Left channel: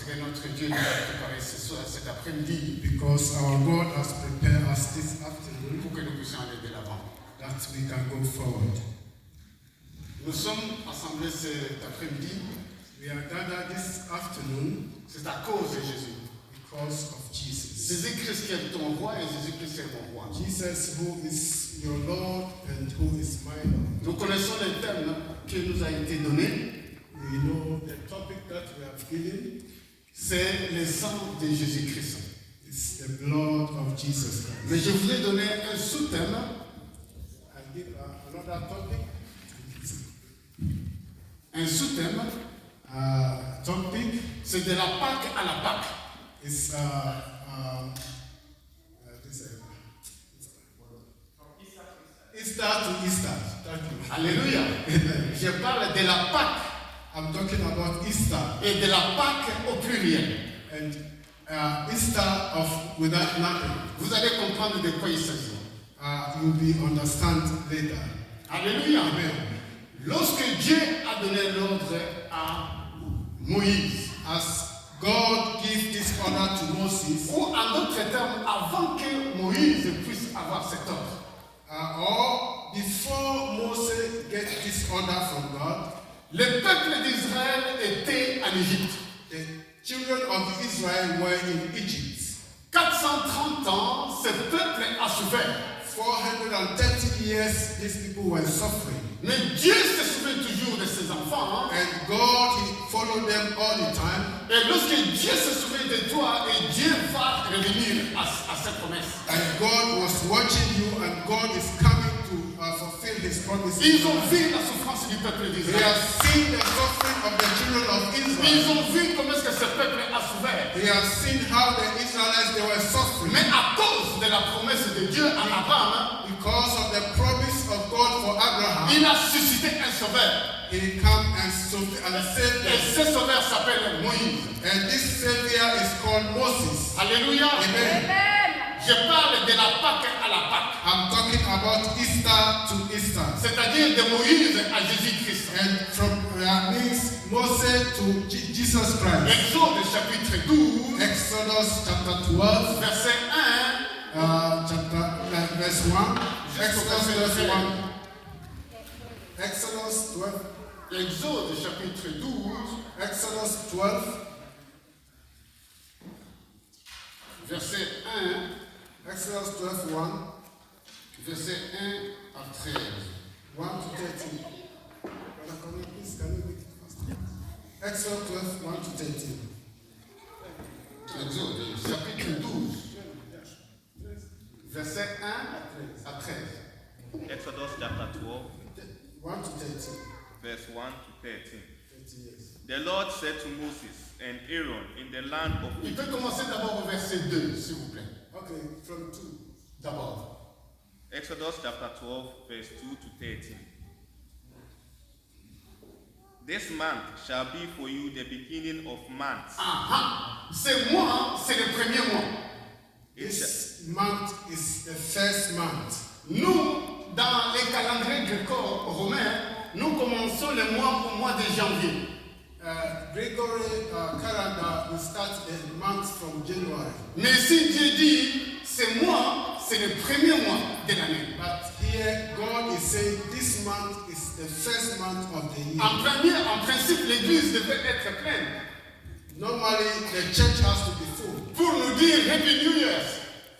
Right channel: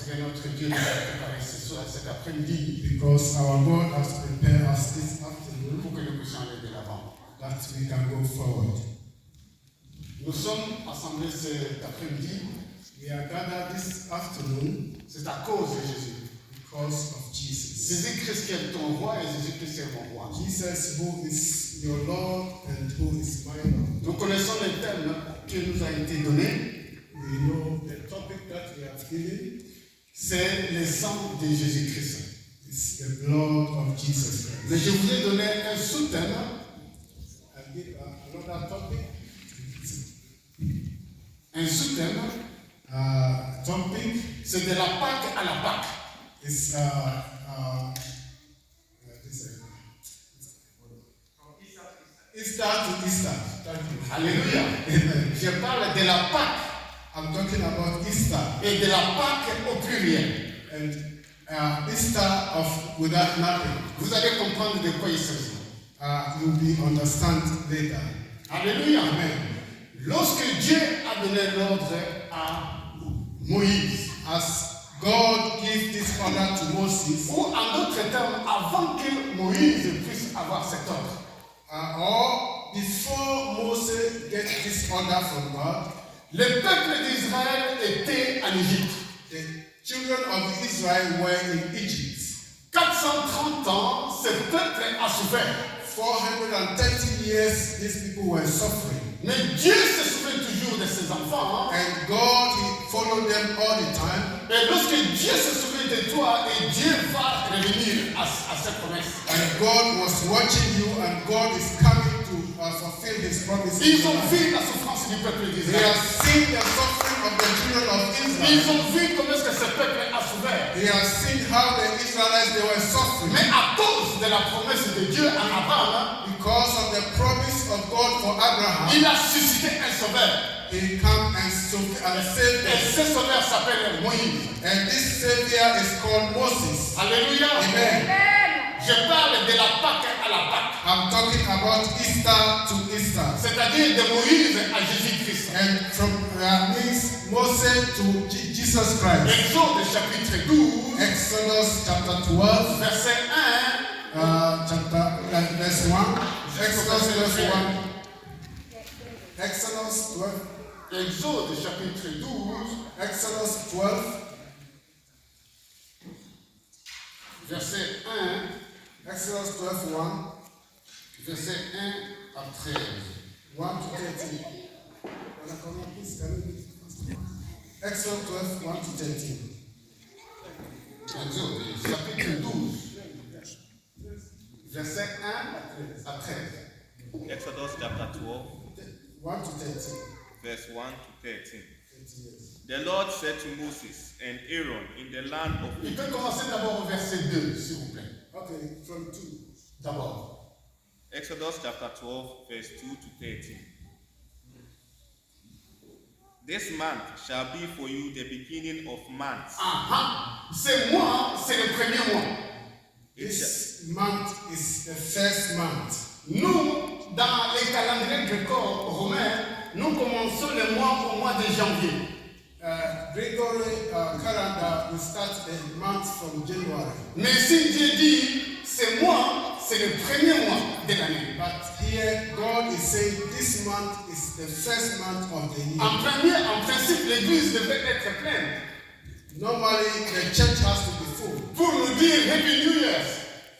Parce que notre Dieu nous a préparé cet après-midi because our God has prepared us this afternoon pour que nous puissions aller de l'avant. that we can go forward. Nous sommes assemblés cet après-midi. We are gathered this afternoon C'est à cause de Jésus. because of Jesus. Jésus-Christ qui est ton roi et Jésus-Christ est mon roi. Jesus, who is your Lord and who is my Lord. Nous connaissons le thème qui nous a été donné. We know the topic that we have given C'est le sang de Jésus-Christ. is the blood of Jesus Mais Christ. je voulais donner un sous-thème. I give another topic. Un sous-thème, Topic c'est de la Pâque à la Pâque. is Easter to Easter. Thank you. Alléluia. Amen. Je parle de la Pâque I'm talking about Easter et de la Pâque au pluriel. and Easter of without nothing. Vous allez comprendre de quoi il s'agit. You'll be understand later. Alléluia. Amen. Lorsque Dieu a donné l'ordre à Moïse, As God gave this order to Moses, ou en d'autres termes, avant que Moïse puisse avoir cet ordre, or before Moses gets this order from God, le peuple d'Israël était en Égypte. the children of Israel were in Egypt. 430 ans, ce peuple a souffert. 430 years, these people were suffering. Mais Dieu se souvient toujours de ses enfants. And God, He followed them all the time. Et lorsque Dieu se souvient de toi, et Dieu va revenir à cette promesse. And God was watching you, and God is coming to fulfill His promises. Ils ont vu la souffrance du peuple They d'Israël. have seen the suffering of the children of Ils Israel. ont vu comment est-ce que ce peuple a souffert. They have seen how the Israelites they were suffering. Mais à cause de la promesse de Dieu à Abraham, Because of the promise of God for Abraham, il a suscité un sauveur. He came and saved Et them. ce sauveur s'appelle Moïse. And this Savior is called Moses. Alléluia. Amen. Je parle de la Pâque à la Pâque. I'm talking about Easter to Easter. C'est-à-dire de Moïse à Jésus-Christ. And from means Moses to Jesus Christ. Exode chapitre 12, Exodus chapter 12, verset 1. verse 1. Exodus verse 1. Exodus 12. Exode chapitre 12, Exodus 12, verset 1, Exodus 12, 1, verset 1 à 13. 1 to 13. Brother Connie, please, can you read it faster? Exodus 12, 1 to 13. Exode chapitre 12, verset 1 à 13. Exodus chapter 12, 1 to 13. verse 1 to 13. 30 years. The Lord said to Moses and Aaron in the land of Il Egypt. peut commencer d'abord au verset 2, s'il vous plaît. Okay, from 2. D'abord. Exodus chapter 12, verse 2 to 13. This month shall be for you the beginning of months. C'est moi, c'est le premier mois. This month is the first month. Nous, dans les calendriers gréco-romains, nous commençons le mois au mois de janvier. Gregory calendar will start the month from January. Mais si Dieu dit, c'est moi, c'est le premier mois de l'année. But here God is saying this month is the first month of the year. En principe, l'église devait être pleine Normally the church has to be full pour nous dire Happy New Year.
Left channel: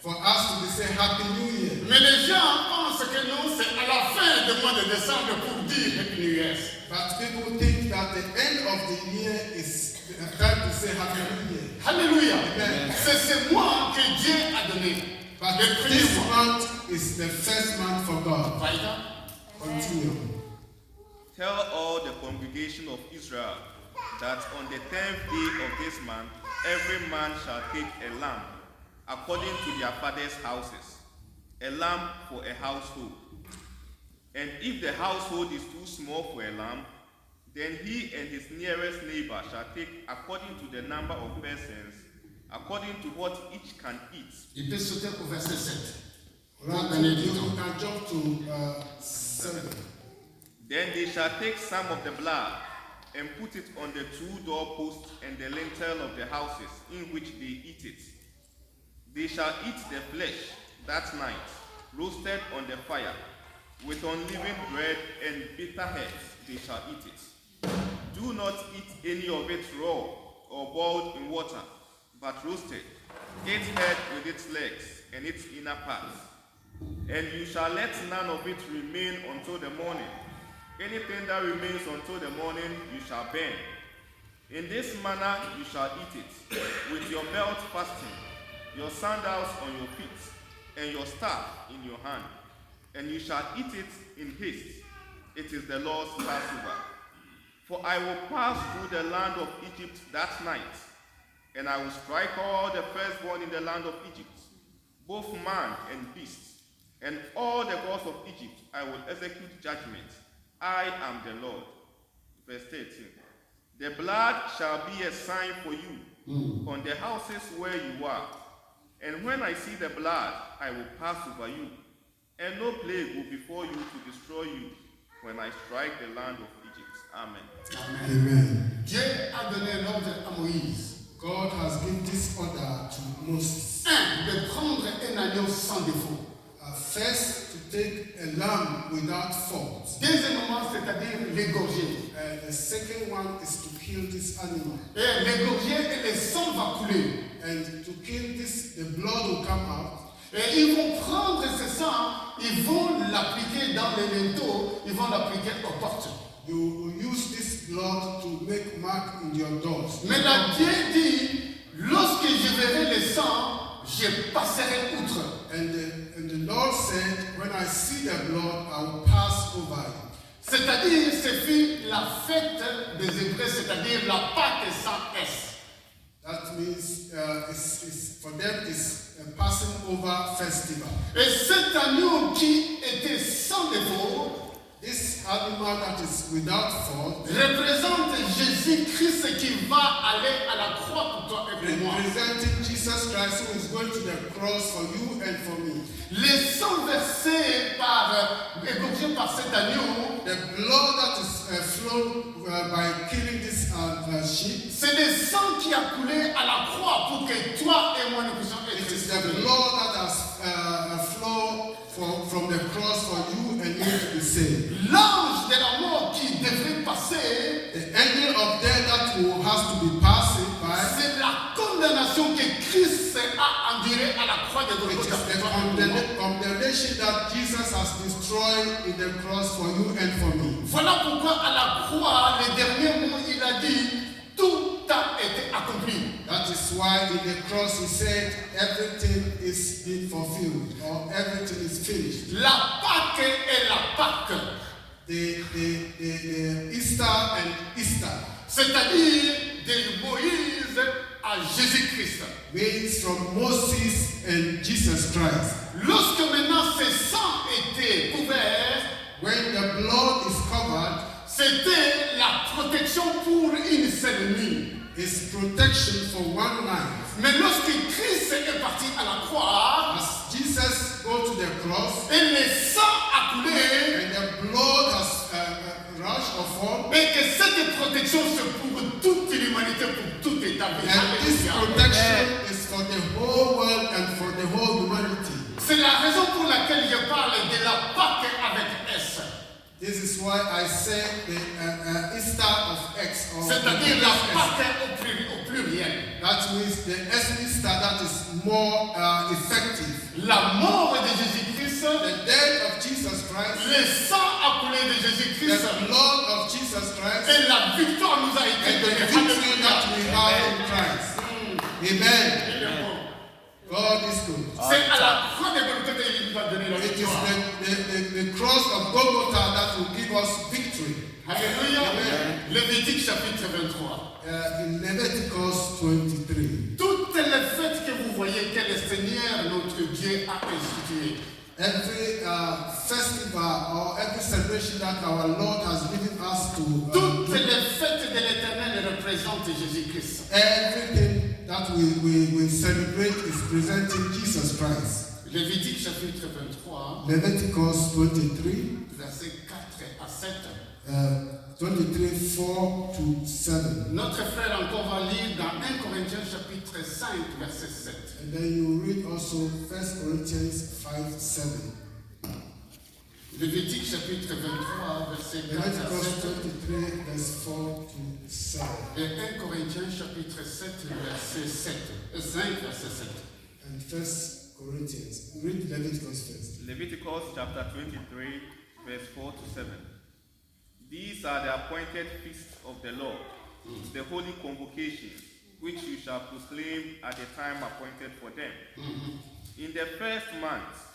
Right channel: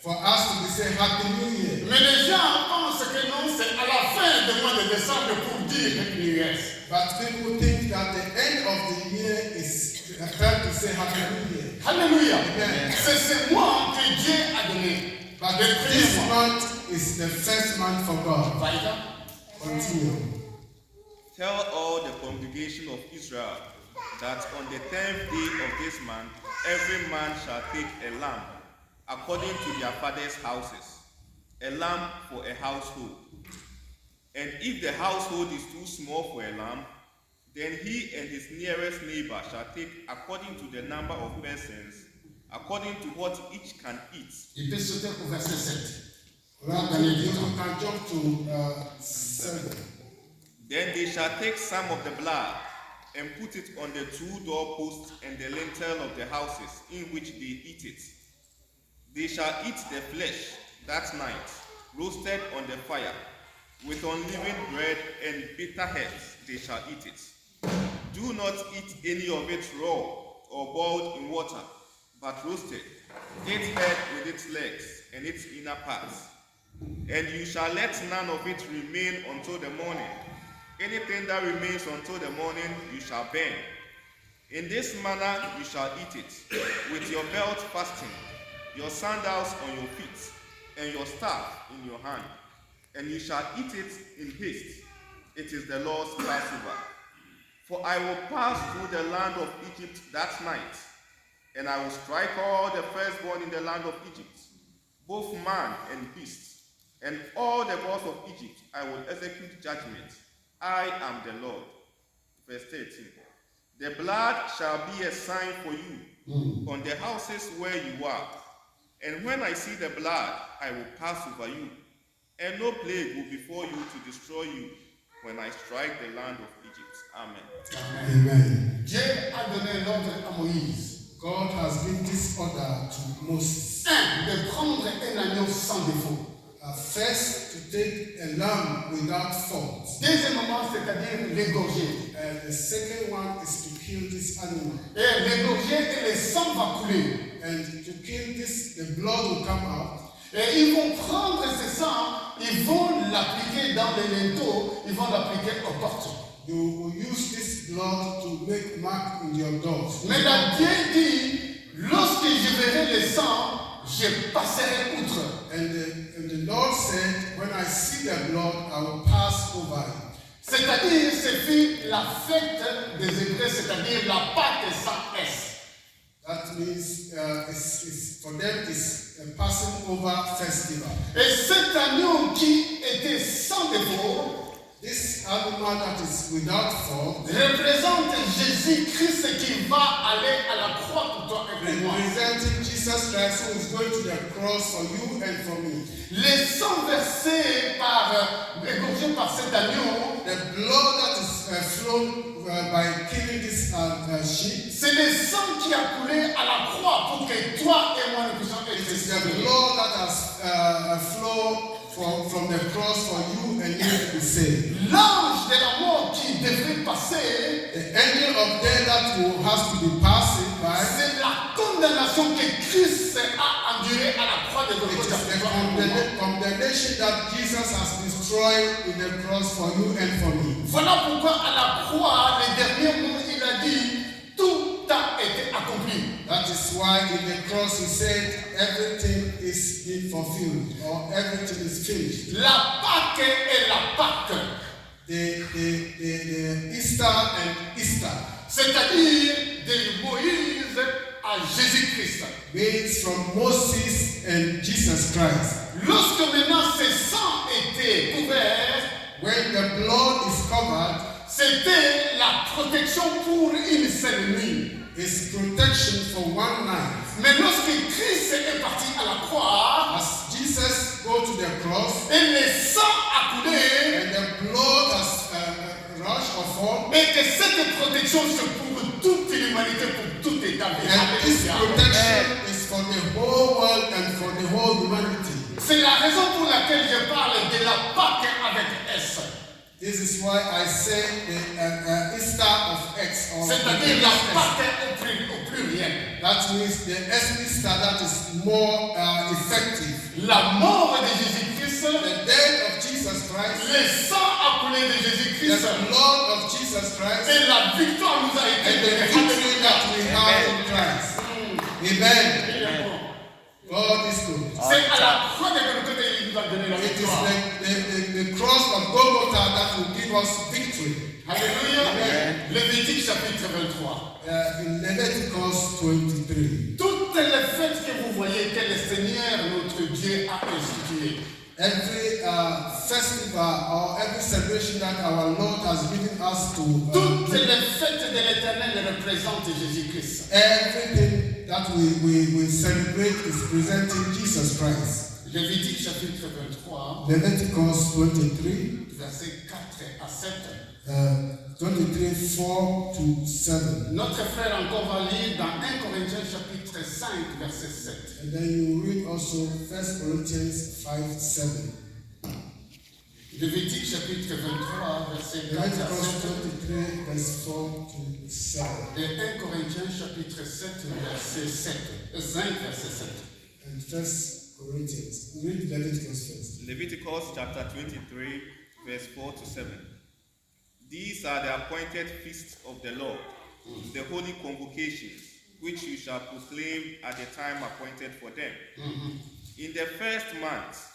for us to be saying Happy New Year. Mais les gens pensent que non, c'est à la fin du mois de décembre pour dire Happy New Year. But people think that the end of the year is the time to say Happy New Year. Alléluia. Amen. C'est ce mois que Dieu a donné. But Le premier this mois. month is the first month for God. Vaïda. Continue. Tell all the congregation of Israel that on the 10th day of this month, every man shall take a lamb according to their father's houses, a lamb for a household. And if the household is too small for a lamb, then he and his nearest neighbor shall take according to the number of persons, according to what each can eat. Il peut sauter au verset 7. You can jump to 7. Then they shall take some of the blood and put it on the 2 doorposts and the lintel of the houses in which they eat it. They shall eat the flesh that night, roasted on the fire, with unleavened bread and bitter herbs they shall eat it. Do not eat any of it raw or boiled in water, but roasted, its head with its legs and its inner parts. And you shall let none of it remain until the morning. Anything that remains until the morning you shall burn. In this manner you shall eat it, with your belt fastened, your sandals on your feet, and your staff in your hand. And you shall eat it in haste. It is the Lord's Passover. For I will pass through the land of Egypt that night, and I will strike all the firstborn in the land of Egypt, both man and beast. And all the gods of Egypt I will execute judgment. I am the Lord. Verse 13. The blood shall be a sign for you on the houses where you are. And when I see the blood, I will pass over you. And no plague will befall you to destroy you when I strike the land of Egypt. Amen. Amen. Dieu a donné l'ordre à Moïse. God has given this order to Moses. 1. De prendre un agneau sans défaut. First, to take a lamb without fault. Deuxièmement, c'est-à-dire l'égorger. The second one is to kill this animal. Et l'égorger et le sang va couler. And to kill this, the blood will come out. Et ils vont prendre ce sang, ils vont l'appliquer dans les linteaux, ils vont l'appliquer aux portes. You will use this blood to make mark in your doors. Mais la Dieu dit, lorsque je verrai le sang, je passerai outre. And the Lord said, when I see the blood, I will pass over it. C'est-à-dire, c'est fut la fête des Hébreux, c'est-à-dire la Pâque sans S. That means for them it's a passing over festival. Et cet agneau qui était sans défaut, This animal that is without fault représente Jésus-Christ qui va aller à la croix pour toi et pour moi. representing Jesus Christ who is going to the cross for you and for me. Les sangs versés égorgés par cet agneau, The blood that is flown by killing this sheep, c'est le sang qui a coulé à la croix pour que toi et moi nous puissions it être is the sauvés. blood that has flowed from the cross for you and me to be saved. L'ange de la mort qui devrait passer, The angel of death that has to be passing by, c'est la condamnation que Christ a endurée à la croix de it is Golgotha the pour toi et pour moi. condemnation that Jesus has destroyed in the cross for you and for me. Voilà pourquoi à la croix, les derniers mots, il a dit, tout a été accompli. That is why in the cross he said everything is been fulfilled or everything is finished. La Pâque est la Pâque, The Easter and Easter c'est-à-dire de Moïse à Jésus-Christ. means from Moses and Jesus Christ. Lorsque maintenant ce sang était couvert, When the blood is covered, c'était la protection pour une seule nuit. it's protection for one night. Mais lorsque Christ est parti à la croix, As Jesus go to the cross et le sang a coulé, and the blood has rushed or fallen, et que cette protection c'est pour toute l'humanité, pour tout état. and this protection is for the whole world and for the whole humanity. C'est la raison pour laquelle je parle de la Pâque avec S. This is why I say the Easter of X or C'est-à-dire the la S. Pâque au pluriel. That means the Easter that is more effective. La mort de Jésus-Christ, The death of Jesus Christ, le sang a coulé de the Jésus-Christ, blood of Jesus Christ, et la victoire nous a été and the donnée. victory that we have in Christ. Amen. Alléluia. God is good. C'est à la croix de Golgotha qu'il nous a donné la It is victoire. the cross of Golgotha that will give us victory. Alléluia. Amen. Lévitique chapitre 23. In Leviticus 23. Toutes les fêtes que vous voyez que le Seigneur notre Dieu a instituées, Every festival or every celebration that our Lord has given us to toutes les fêtes de l'Éternel représentent Jésus-Christ. everything that we celebrate is presenting Jesus Christ. Lévitique chapitre 23, Leviticus 23, versets 4 à 7. 23, 4 to 7. Notre frère encore va lire dans 1 Corinthiens chapitre 5, verset 7. And then you read also 1 Corinthians 5, 7. Lévitique chapitre 23, verset 4 à Leviticus 7. 23, verse 4 to 7. Et 1 Corinthiens chapitre 7, verset 7. 5, verset 7. And 1 Corinthians. Read Leviticus first. Leviticus chapter 23, verse 4 to 7. These are the appointed feasts of the Lord, the holy convocations, which you shall proclaim at the time appointed for them. In the first month,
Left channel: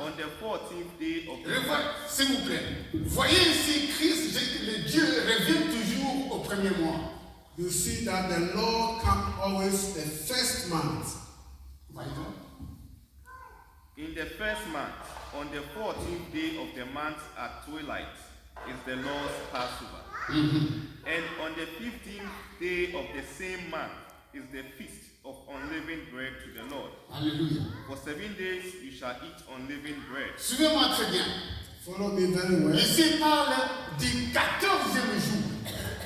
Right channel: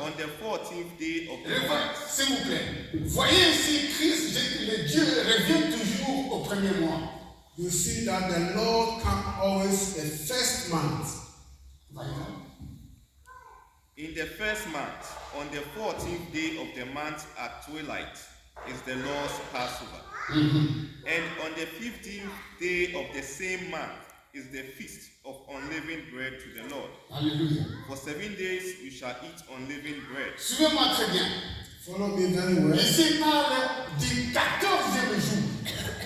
on the 14th day of the month. S'il vous plaît, voyez ici Christ, le Dieu revient toujours au premier mois. You see that the Lord comes always the first month. Voyez-vous? In the first month, on the 14th day of the month at twilight, is the Lord's Passover. And on the 15th day of the same month is the feast of unleavened bread to the Lord. Alléluia. For 7 days you shall eat unleavened bread. Suivez-moi très bien. Follow me very well. Ici il parle du 14e jour.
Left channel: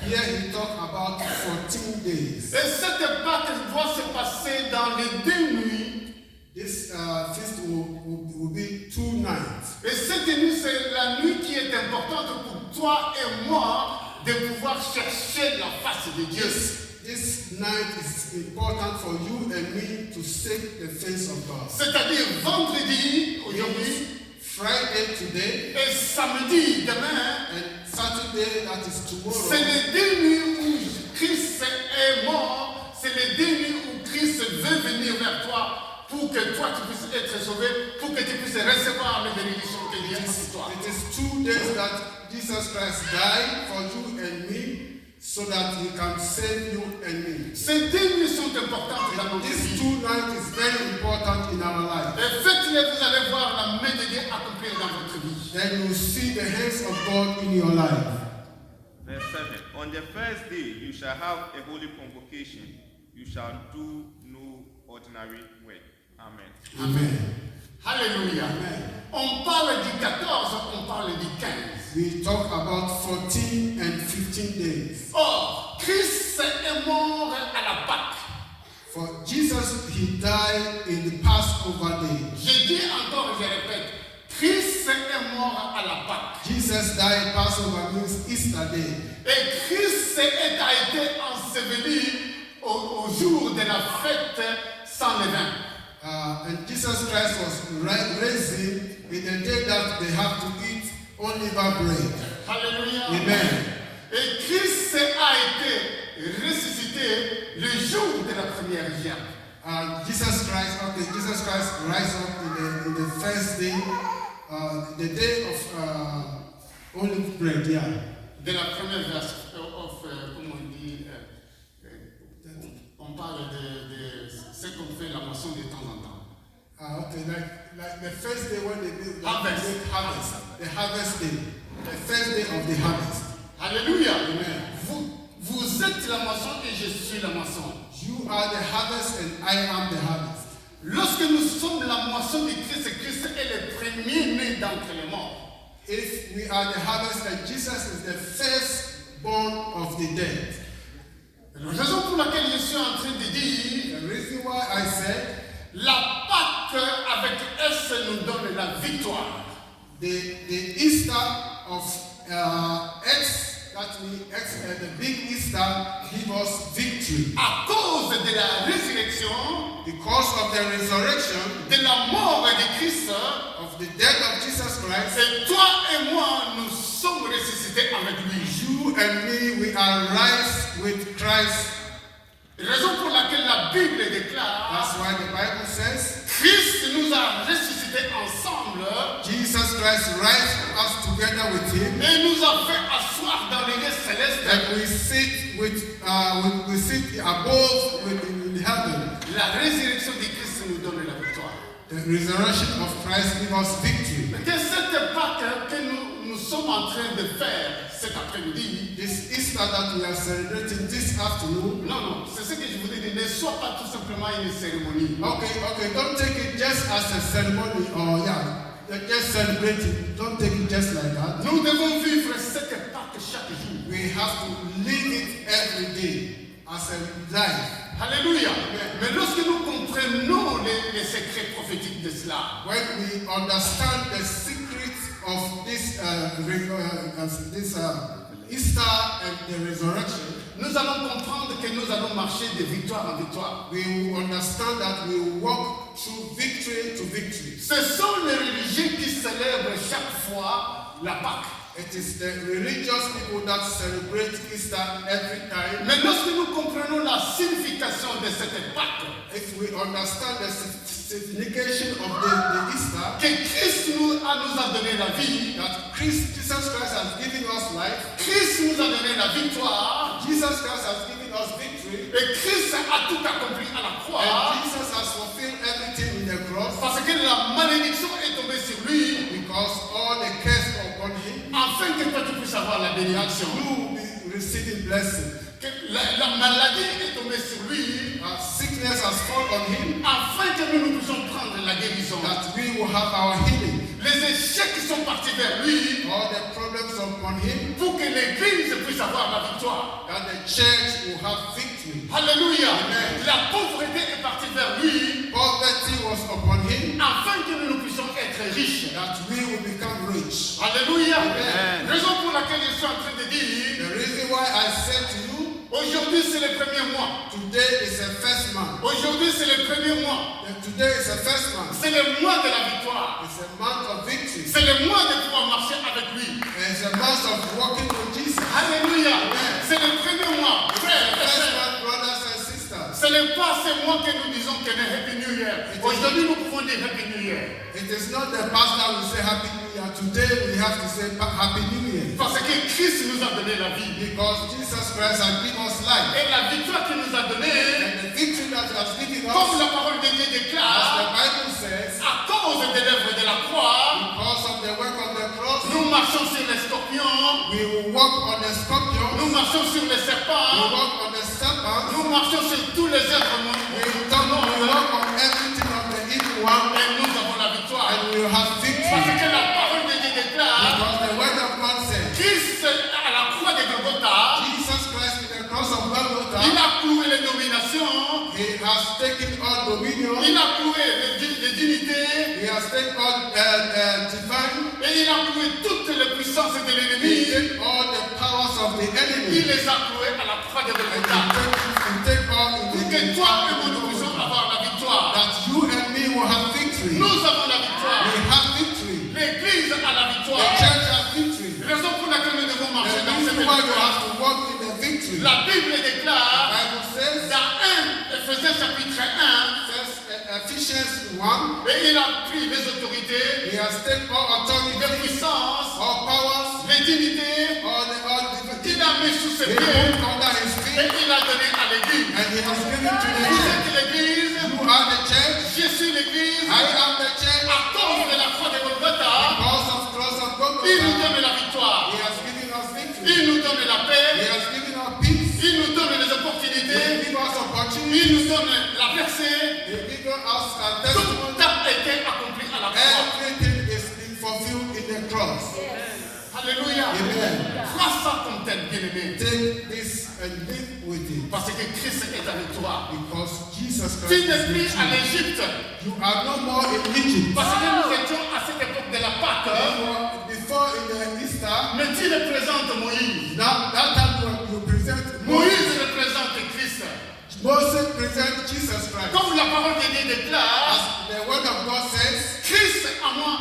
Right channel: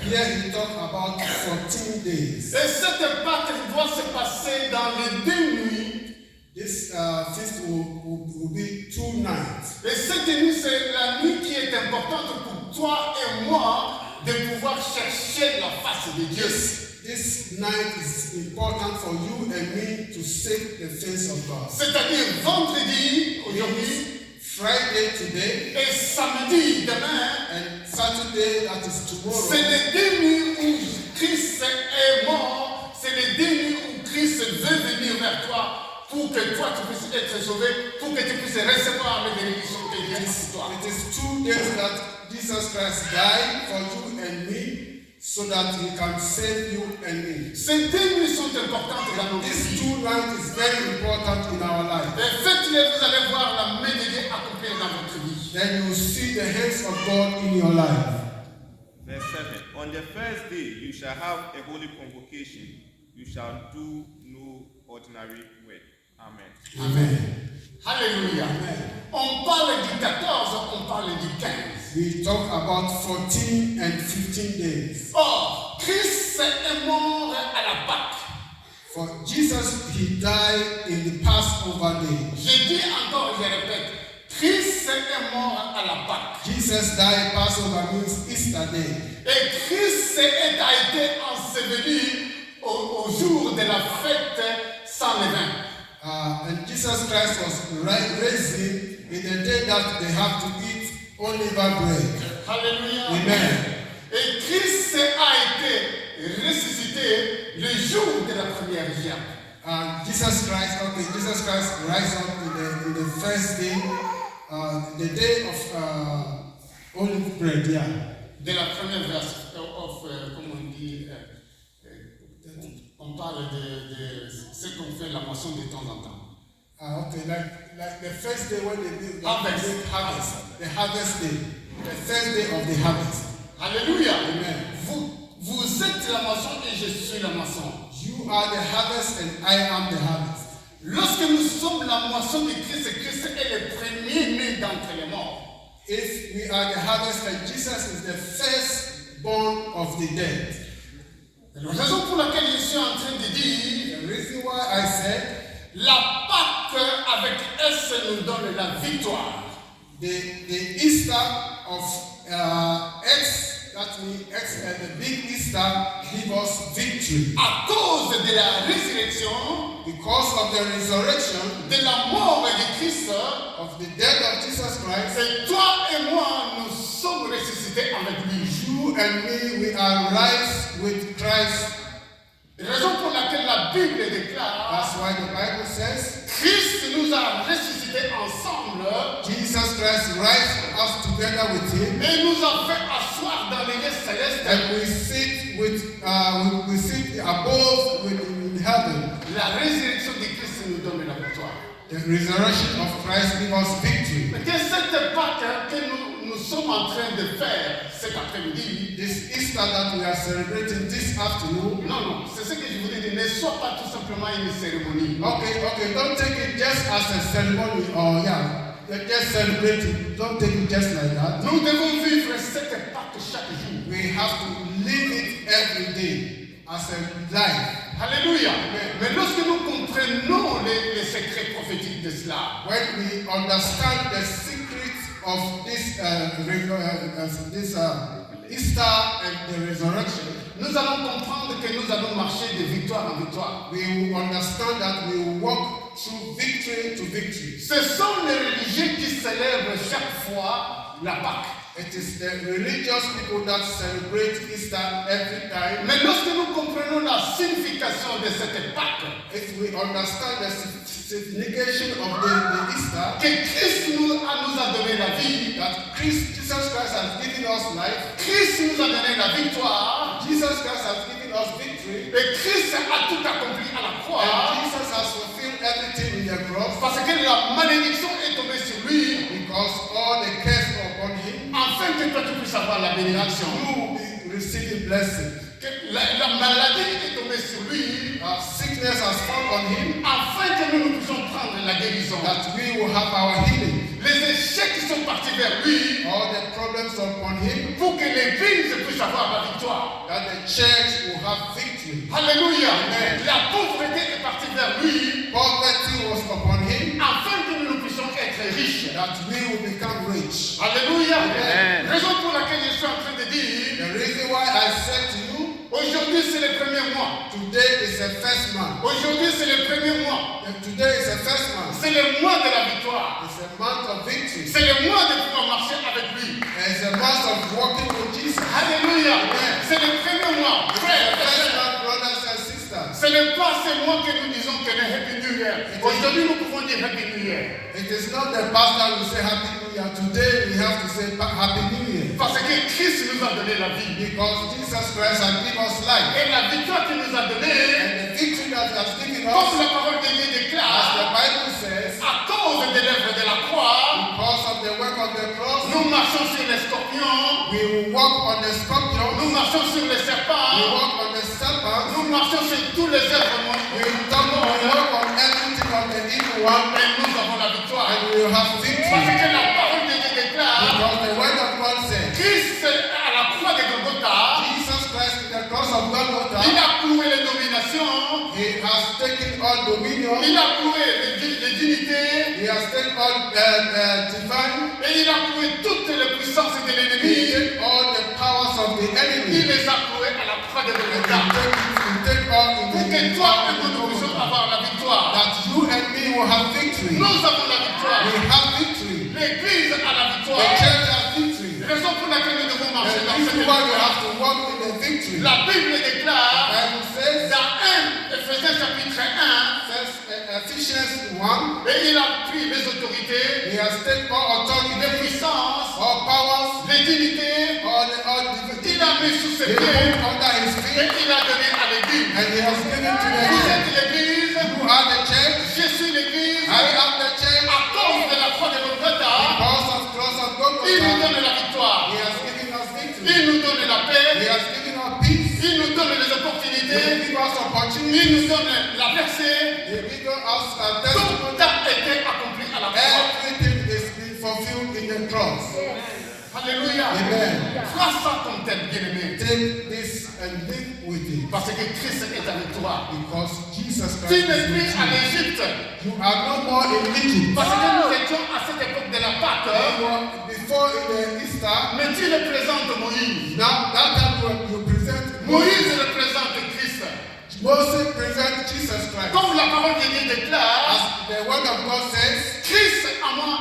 Here he talk about 14 days. Et cette Pâque doit se passer dans les 2 nuits. This feast will be 2 nights. Et cette nuit, c'est la nuit qui est importante pour toi et moi de pouvoir chercher la face de Dieu. This night is important for you and me to seek the face of God. C'est-à-dire vendredi, aujourd'hui, Friday today et samedi, demain, and Saturday that is tomorrow. c'est les 2 nuits où Christ est mort, c'est les 2 nuits où Christ veut venir vers toi pour que toi tu puisses être sauvé, pour que tu puisses recevoir les bénédictions que Dieu a pour toi. It is 2 days that Jesus Christ died for you and me so that he can save you and me. Ces 2 nuits sont importantes dans notre These vie. 2 nights is very important in our life. Et faites-les, vous allez voir la main de Dieu accomplir dans votre vie. Then you will see the hands of God in your life. Verse 7. On the first day you shall have a holy convocation. You shall do no ordinary work. Amen. Amen. Alléluia. On parle du 14, on parle du 15. We talk about 14 and 15 days. Or, Christ est mort à la Pâque. For Jesus, he died in the Passover day. Je dis encore, je répète, Christ est mort à la Pâque. Jesus died, Passover means Easter day. Et Christ a été enseveli au jour de la fête sans levain. And Jesus Christ was raised in the day that they have to eat unleavened bread. Alléluia. Amen. Et Christ a été ressuscité le jour de la première gerbe. Jesus Christ rise up in the first day, the day of olive bread, yeah. De la première verse, comment on dit, on parle de ce qu'on fait la moisson de temps en temps. Okay, like the first day when they do Harvest. the harvest day, the first day of the harvest. Alléluia. Amen. Vous êtes la moisson et je suis la moisson. You are the harvest and I am the harvest. Lorsque nous sommes la moisson de Christ, Christ est le premier né d'entre les morts. If we are the harvest and Jesus is the firstborn of the dead. La raison pour laquelle je suis en train de dire, The reason why I said la Pâque avec S nous donne la victoire. the Easter of X, that means X, the big Easter give us victory. À cause de la résurrection, Because of the resurrection, de la mort de Christ, of the death of Jesus Christ, et toi et moi, nous sommes ressuscités avec lui. you and me, we are rise with Christ. Raison pour laquelle la Bible déclare, That's why the Bible says, Christ nous a ressuscités ensemble Jesus Christ rise us together with him, et nous a fait asseoir dans les lieux célestes. and we sit above in heaven. La résurrection de Christ nous donne la victoire. The resurrection of Christ gives us victory. Que cette Pâque que nous sommes en train de faire cet après-midi, This Easter that we are celebrating this afternoon, non, c'est ce que je voulais dire, ne soit pas tout simplement une cérémonie. okay, don't take it just as a ceremony or just celebrate it. Don't take it just like that. Nous devons vivre cette Pâque chaque jour. We have to live it every day as a life. Alléluia. Mais lorsque nous comprenons les secrets prophétiques de cela, When we understand the secrets of this Easter and the resurrection, nous allons comprendre que nous allons marcher de victoire en victoire. we will understand that we will walk through victory to victory. Ce sont les religieux qui célèbrent chaque fois la Pâque. It is the religious people that celebrate Easter every time. Mais lorsque nous comprenons la signification de cette Pâque, If we understand the signification of the Easter, que Christ nous a donné la vie, that Jesus Christ has given us life, Christ nous a donné la victoire, Jesus Christ has given us victory, et Christ a tout accompli à la croix, and Jesus has fulfilled everything in the cross, parce que la malédiction est tombée sur lui, because all the curse upon him, afin que toi tu puisses avoir la bénédiction. you will be receiving blessing. Que la maladie est tombée sur lui, Sickness has fallen on him, afin que nous puissions prendre la guérison. that we will have our healing. Les échecs qui sont partis vers lui, All the problems upon him, pour que l'Église puisse avoir la victoire. that the church will have victory. Alléluia. Amen. La pauvreté est partie vers lui, Poverty was upon him, afin que nous puissions être riches. that we will become rich. Alléluia. Amen. Raison pour laquelle je suis en train de dire, The reason why I said to you, aujourd'hui c'est le premier mois. today is the first month. Aujourd'hui c'est le premier mois. And today is the first month. C'est le mois de la victoire. It's a month of victory. C'est le mois de pouvoir marcher avec lui. And it's a month of walking with Jesus. Alléluia. Amen. C'est le premier mois. It's Frères the et first sœurs. month, brothers and sisters. Ce n'est pas ce mois que nous disons que le Happy New Year. Aujourd'hui nous pouvons dire Happy New Year. It is not the past that we say Happy New Year. Today we have to say Happy New Year. Parce que Christ nous a donné la vie. Because Jesus Christ has given us life. Et la victoire qu'il nous a donnée, And the victory that he has given comme us, la parole de Dieu as the déclare, Bible says, à cause des lèvres de la croix, because of the work of the cross, nous marchons sur les scorpions, we will walk on the scorpion, nous marchons sur les we serpents, walk on the serpent, nous marchons sur tous les êtres we morts. walk on everything of the evil one, Et nous avons la victoire. and we will have Parce victory. que la parole de Dieu déclare, Because the word of God says, Christ à la croix de Golgotha, Jesus Christ with the cross of il Golgotha, a cloué les dominations, he has taken all dominion, il a cloué les dignités, he has taken all divine, et il a cloué toutes les puissances de he l'ennemi. take all the powers of the Il enemy, les a cloués à la croix de he Golgotha. take all Pour in que the toi et moi nous puissions avoir la victoire. that you and me will have victory. Nous avons la victoire. We have victory. L'Église a la The victoire. church has victory. Raison pour laquelle nous devons And marcher dans this cette is why we victoire. have to walk in the victory. La Bible The déclare Bible says, dans 1 Éphésiens chapitre 1, says Ephesians 1, et il a pris les autorités, he has taken all authority, les puissances, all powers, les dignités, all il a mis sous ses they pieds put under his et feet, il a donné à l'Église. and he has given to the Vous church. êtes l'Église, You are the church, je suis l'Église, I am the church. à cause de la croix de Golgotha, Because of cross of il nous Golgotha, donne la victoire, he has given us victory. il nous donne la He paix, has given us peace. il nous donne les He opportunités, has given us il opportunity. nous donne la percée. He has given us a Tout testimony. a été accompli à la croix. Everything is being fulfilled in the cross. Alléluia. Amen. Sois ça comme tel bien-aimé. Take this and live with it. Parce que Christ est avec toi. Because Jesus Tu Christ n'es is plus with à you. l'Égypte. You are no more in Egypt. Parce que nous étions à cette époque de la Pâque. You were before in the Easter. Mais tu représentes Moïse. Now that time you present Moïse représente Christ. Moses present Jesus Christ. Comme la parole de Dieu déclare, As the word of God says, Christ en moi,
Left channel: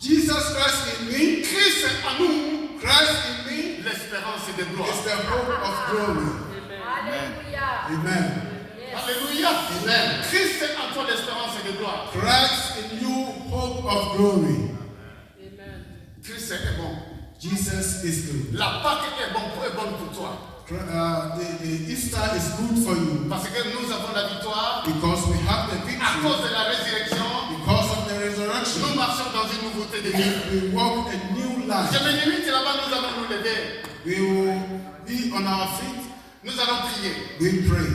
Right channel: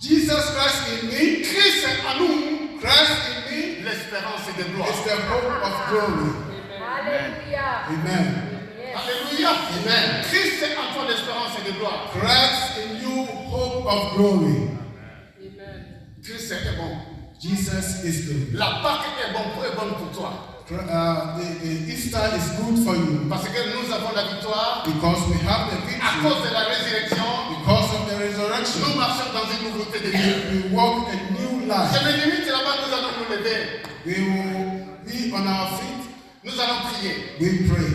Jesus Christ in me, Christ en nous, Christ in me l'espérance de gloire. is the hope of glory. Hallelujah. Amen. Alléluia. Amen. Christ en toi l'espérance de gloire. Christ in you, hope of glory. Christ est bon. Jesus is good. La Pâque est bonne pour toi. The Easter is good for you Parce que nous avons la victoire because we have the à victory, cause de la résurrection. because of the Nous resurrection. marchons dans une nouveauté de vie. We walk a new Je life. me limite là-bas, nous allons nous lever. We will be on our feet. Nous allons prier. We pray.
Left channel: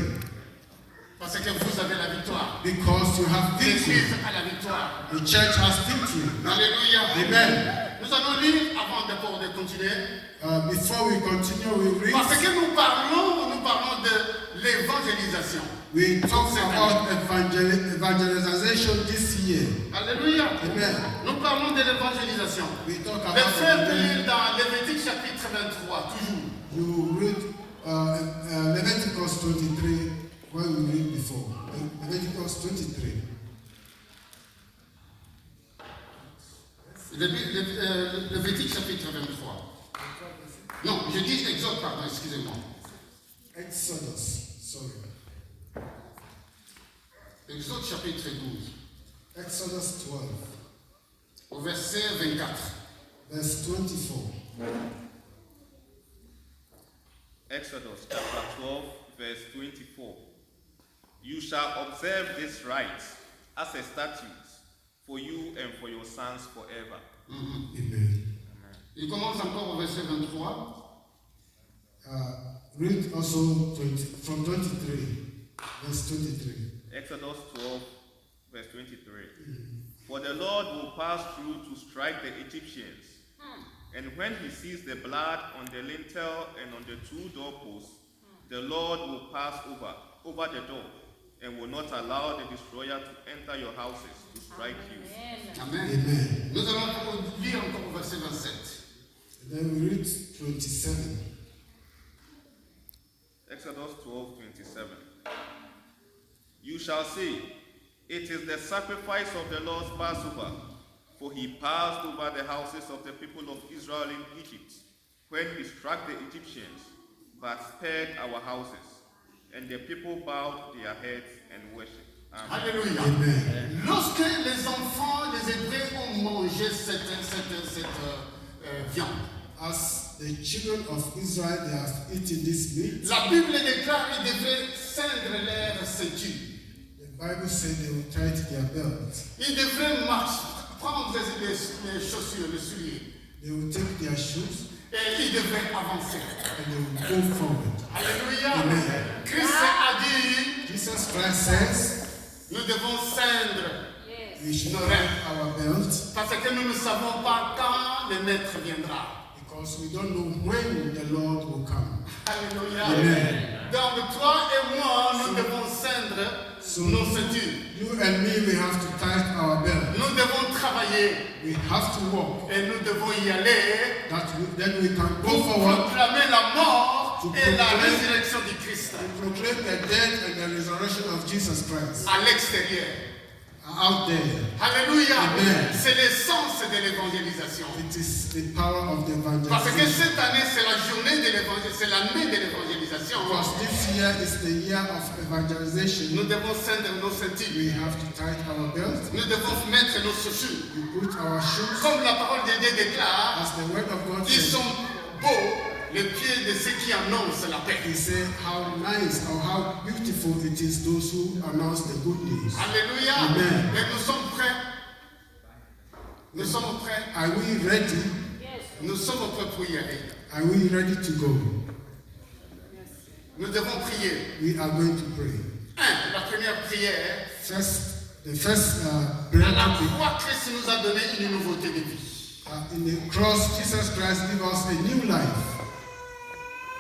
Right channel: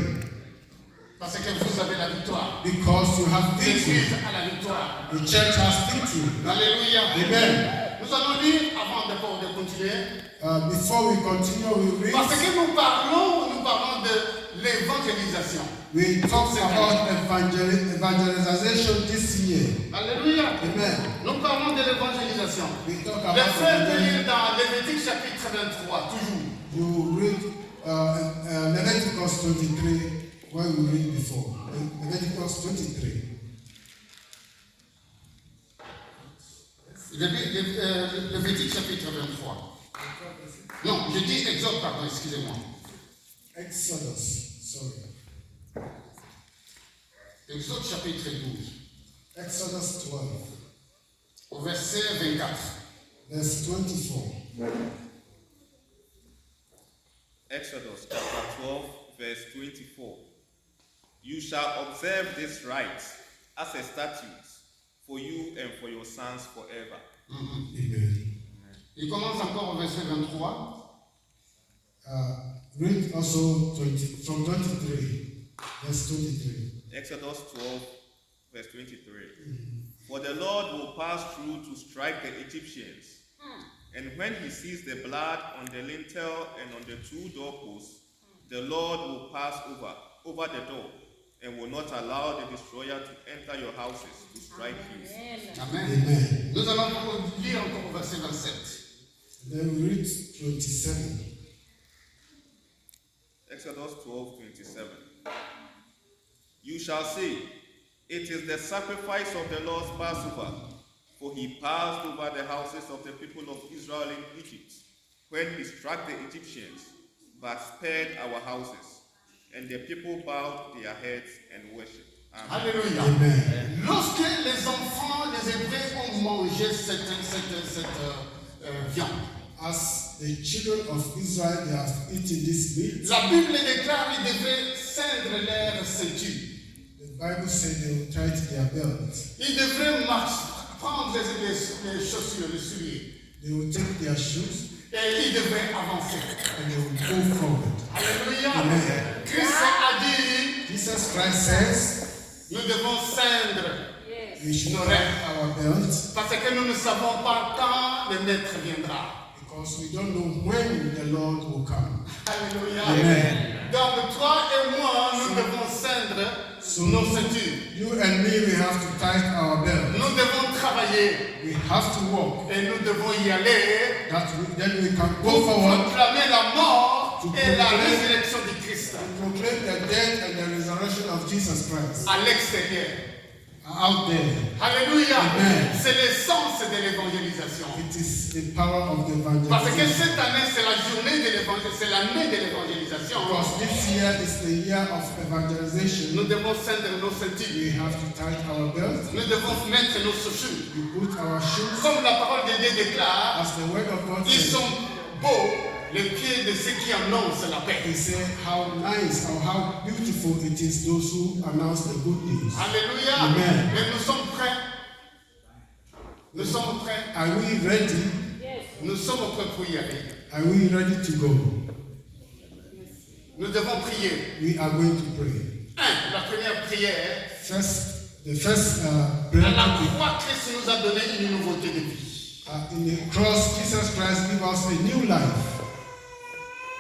Parce que vous avez la victoire. Because you have victory. L'Église a la victoire. The church has victory. Alléluia. Amen. Nous allons lire avant de continuer. Before we continue, we read. Parce que nous parlons de l'évangélisation. We talk about evangelization this year. Alléluia. Amen. Nous parlons de l'évangélisation. We talk Les about frères de evangelism. lire dans Lévitique chapitre 23, toujours. You read Leviticus 23, where we read before. Leviticus 23. Lévitique chapitre 23. Non, je dis Exode, pardon, excusez-moi. Exodus, sorry. Exode chapitre 12, Exodus 12, au verset 24. verse 24. Exodus chapter 12, verse 24. You shall observe this rite as a statute for you and for your sons forever. Amen. Il commence encore au verset 23. Read also from 23, verse 23. Exodus 12, verse 23. For the Lord will pass through to strike the Egyptians, and when he sees the blood on the lintel and on the two doorposts, the Lord will pass over the door, and will not allow the destroyer to enter your houses to strike you. Amen. Amen. Nous allons lire encore au verset 27. Then we read 27. Exodus 12, 27. You shall say, it is the sacrifice of the Lord's Passover, for he passed over the houses of the people of Israel in Egypt, when he struck the Egyptians, but spared our houses. And the people bowed their heads and worshipped. Amen. Alléluia. Amen. Lorsque les enfants, les Hébreux ont mangé cette viande, As the children of Israel, they have eaten this meat. la Bible déclare qu'ils devaient ceindre leur ceinture. The Bible said they will tighten their belt. Ils devraient prendre les chaussures, les souliers, They will take their shoes et ils devraient avancer. and they will go forward. Alléluia. Amen. Christ a dit, Jesus Christ says nous devons ceindre we should tighten our belts parce que nous ne savons pas quand le maître viendra. because we don't know when the Lord will come. Alléluia. Amen. Donc toi et moi, nous devons ceindre nos ceintures. You and me, we have to tighten our belt. Nous devons travailler We have to walk. et nous devons y aller Then we can go pour forward proclamer la mort To et la proclaim- résurrection du Christ and proclaim the death and the resurrection of Jesus Christ à l'extérieur. out there. Alléluia. Amen. C'est l'essence de l'évangélisation. It is the power of the Parce que evangelization. cette année, c'est la journée de l'évangélisation, c'est l'année de l'évangélisation. Because this year is the year of evangelization. Nous devons ceindre nos ceintures. We have to tighten our belts. Nous devons mettre nos chaussures. We put our shoes, Comme la parole de Dieu déclare, as the word of God ils says. sont beaux les pieds de ceux qui annoncent la paix. He said how nice or how beautiful it is those who announce the good news. Alléluia. Amen. Et nous sommes prêts. Nous sommes prêts. Are we ready? Nous sommes prêts pour y aller. Are we ready to go? Nous devons prier. We are going to pray. La première prière. The first À prayer la topic, croix, Christ nous a donné une nouveauté de vie. in the cross, Jesus Christ gave us a new life.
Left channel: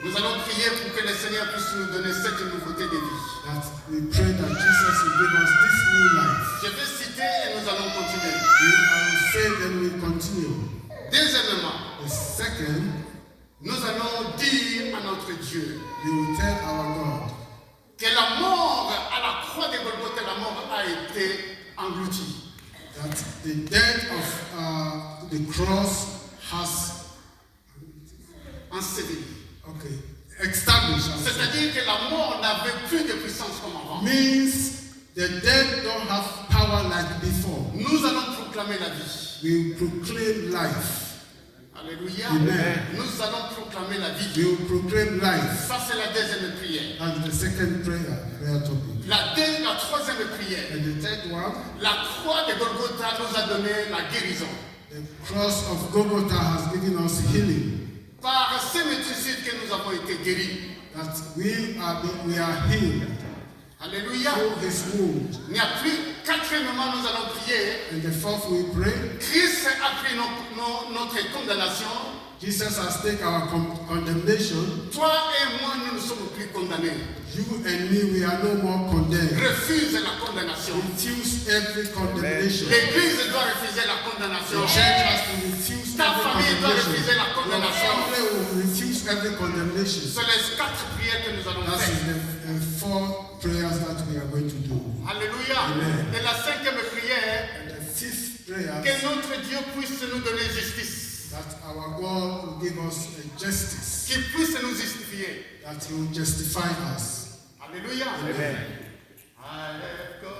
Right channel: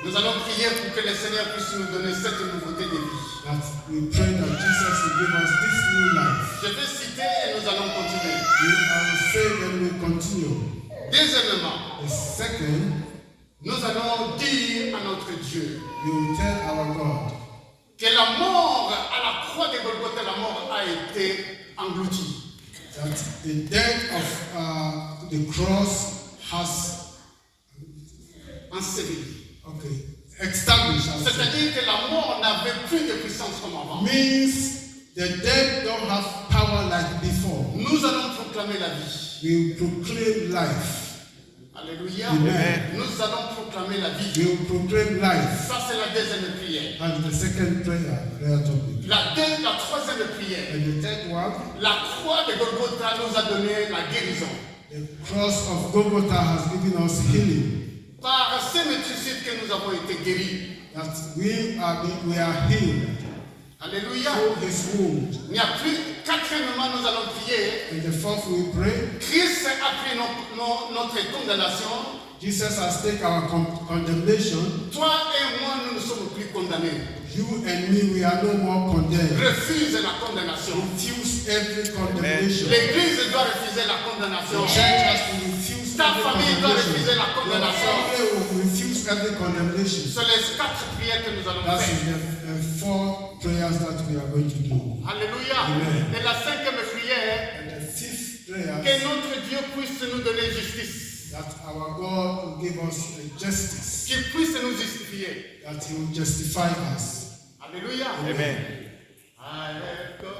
Nous allons prier pour que le Seigneur puisse nous donner cette nouveauté de vie. That we pray that Jesus will give us this new life. Je vais citer et nous allons continuer. I will say then we continue. Deuxièmement, The second, nous allons dire à notre Dieu we will tell our God que la mort à la croix de Golgotha, la mort a été engloutie. that the death of the cross has Enseveli. established. C'est-à-dire que la mort n'avait plus de puissance comme avant. Means the dead don't have power like before. Nous allons proclamer la vie. We will proclaim life. Alléluia. Amen. Nous allons proclamer la vie. We will proclaim life. Ça, c'est la deuxième prière. And the second prayer topic. La troisième prière. And the third one, La croix de Golgotha nous a donné la guérison. the cross of Golgotha has given us healing. Par ces métricides que nous avons été guéris. That we are healed. Alléluia. through his wound. Il n'y a plus. Quatrièmement, nous allons prier. And the fourth we pray, Christ a pris notre condamnation. Jesus has taken our condemnation. Toi et moi, nous ne sommes plus condamnés. You and me, we are no more condemned. Refuse la condamnation. Refuse every condemnation. L'Église doit refuser la condamnation. The church has to refuse Ta every famille doit refuser condemnation. la condamnation. Your family will refuse every condemnation. Ce sont les 4 prières que nous allons That faire. is the 4 prayers that we are going to do. Alléluia. Amen. Et la 5e prière, And the 5th prayer, que notre Dieu puisse nous donner justice. that our God will give us justice, Qu'il puisse nous justifier. that He will justify us. Alléluia. Amen. I have God.